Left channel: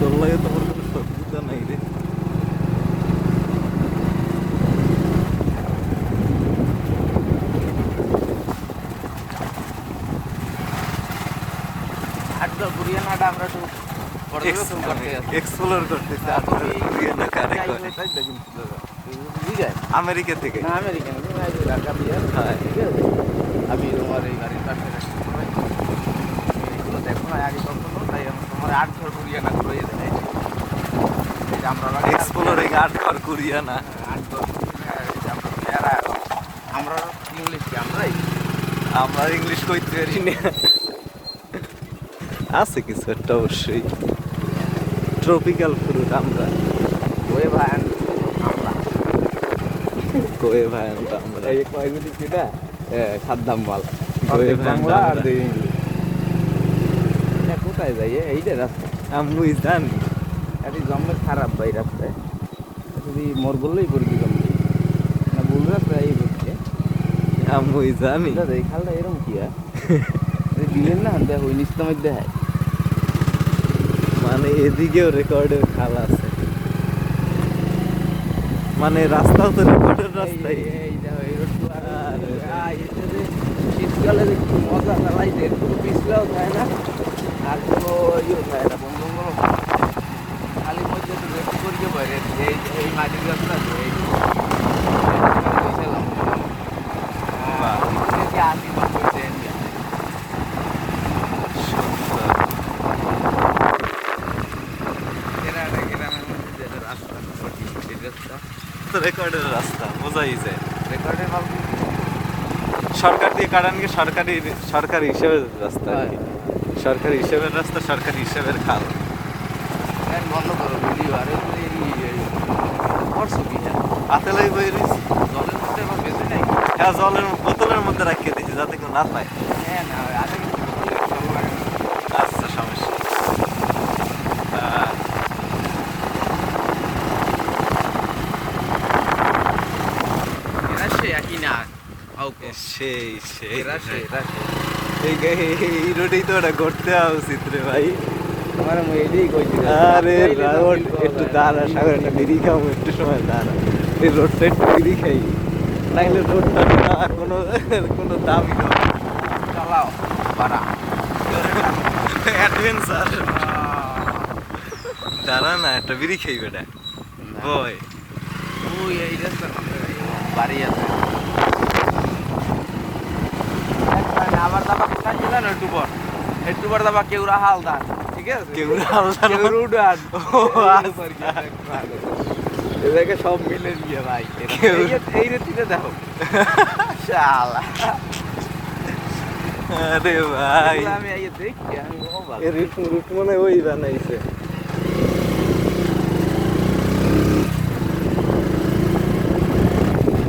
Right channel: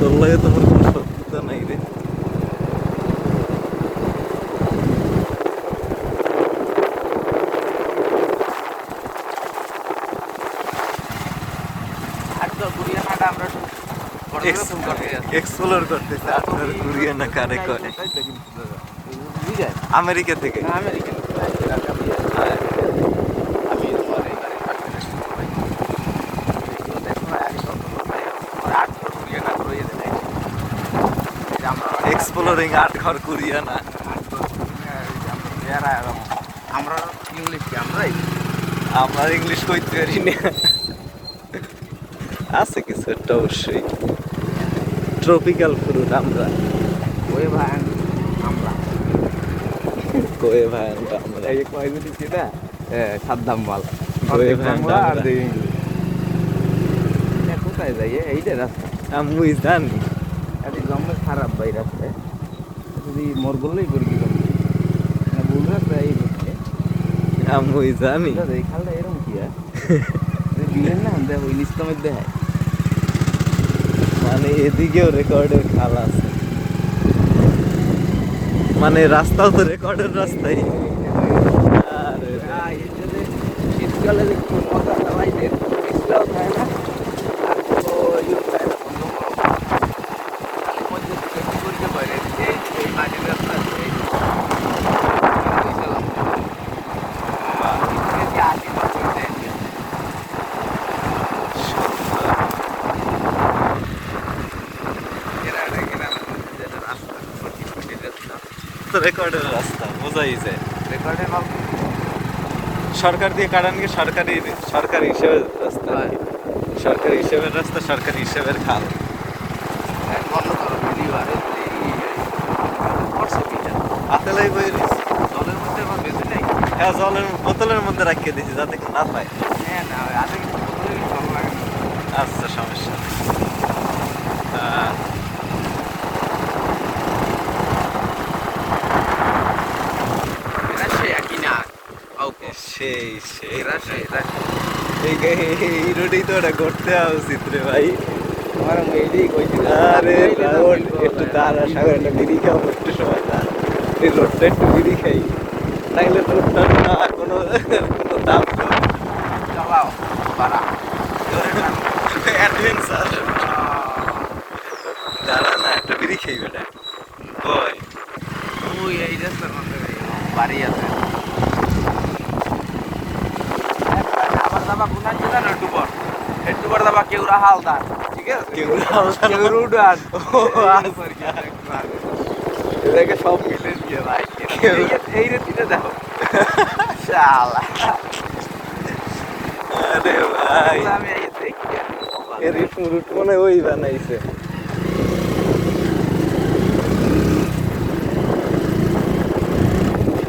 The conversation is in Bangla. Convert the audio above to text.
তোর লাগে তোমার কোনো শত্রুতা নাই রে। এক্সপ্লোর করতেছে আপনার কুরিয়ানা কারে করে আমেরিকা থেকে। হ্যাঁ আমি তোমার এই বাড়ির পাশে দেখো না আগে তখন আমার 8 ঘর কুড়িয়ে কাজ রয়ে যায় এক্সপ্লোরিং আর্ট ঘর কুরিয়ানা। 8 ঘর আমরা ইংলিশ কি আমরা ইংলিশ কইতে পারি না, আছে কিছু একটা অবশ্যই। ট্রপিক্যাল ফ্রুট আমরা ওই ভাই আমরা কোয়ে ভাই আমরা এই কয়গুলি কি না সাদ্দাম মাল কোয়ে ভাই বাংলা আর ইংলিশ। এটা কোথায় যাই এইটা রাস্তা আমি জানি এত জমে খারাপ ভাই রাস্তায় যদি মোর বললেই পড়বি জমে না ভুল রাস্তায় এই করছে আমি জানি। দাদা এই খালটা এরকম কি দিলেন না দেখ ওই নিস্তমের দেখায় মানে এদিকেও রেকর্ডের খাল আছে, মানে রাস্তাও তো রেকর্ডের রাস্তাই। শীতকালে মজা চালাইতে শীতকাল খায় না আর কোনো খালি মধ্যে করতে পারে এই মাঝের রাস্তা এই রেকর্ডের রাস্তা বোঝাই যায়। রেকর্ডের ভাব সরকার দিয়ে কাটানকে সরকারি সরকারি হিসেবের রাস্তা, সরকারি হিসেবের রাস্তা, সরকারি হিসেবের খাল। বন্ধ করো ভিডিও আর করছো কিটা হাতে লই বই জলের মধ্যে আবার বেঁধে নাই। হ্যাঁ, জলের বোতলের মধ্যে রাখিয়ে দিয়েছি যাতে কেউ না পায়। হ্যাঁ না আগে কিন্তু বোতলে ভালো লাগে না। আচ্ছা, সমস্যা নেই। সেই সেই এই রোডেই তো ওটা ঘুরতে আসা উচিত রে ভাই। আরে রাহুল একটু দাঁড়া, সাগরটা নিরিখাও একটু সময় দাঁড়া, এই রোডটা একটু নিরিখাই, তাইলে রোডটা না কোনো কোনো দাম চালাও পারা অ্যাডভেঞ্চার। দাঁড়া না, একটা বিড়ি খাই বেটা বয়। ওই এই রাস্তার মধ্যে বাড়ি আছে আবার দাবা কোথায় ছিল না একটুবার দাবা কেউরা হালদার ঠিক আছে কেউরা উড়ান এটাকে সব মিলে দিয়ে ভাই এই রেতিতে দেখো শালা। আরে ভাই আমি এই দেখি এর রুট মনে ওই বানাইছে।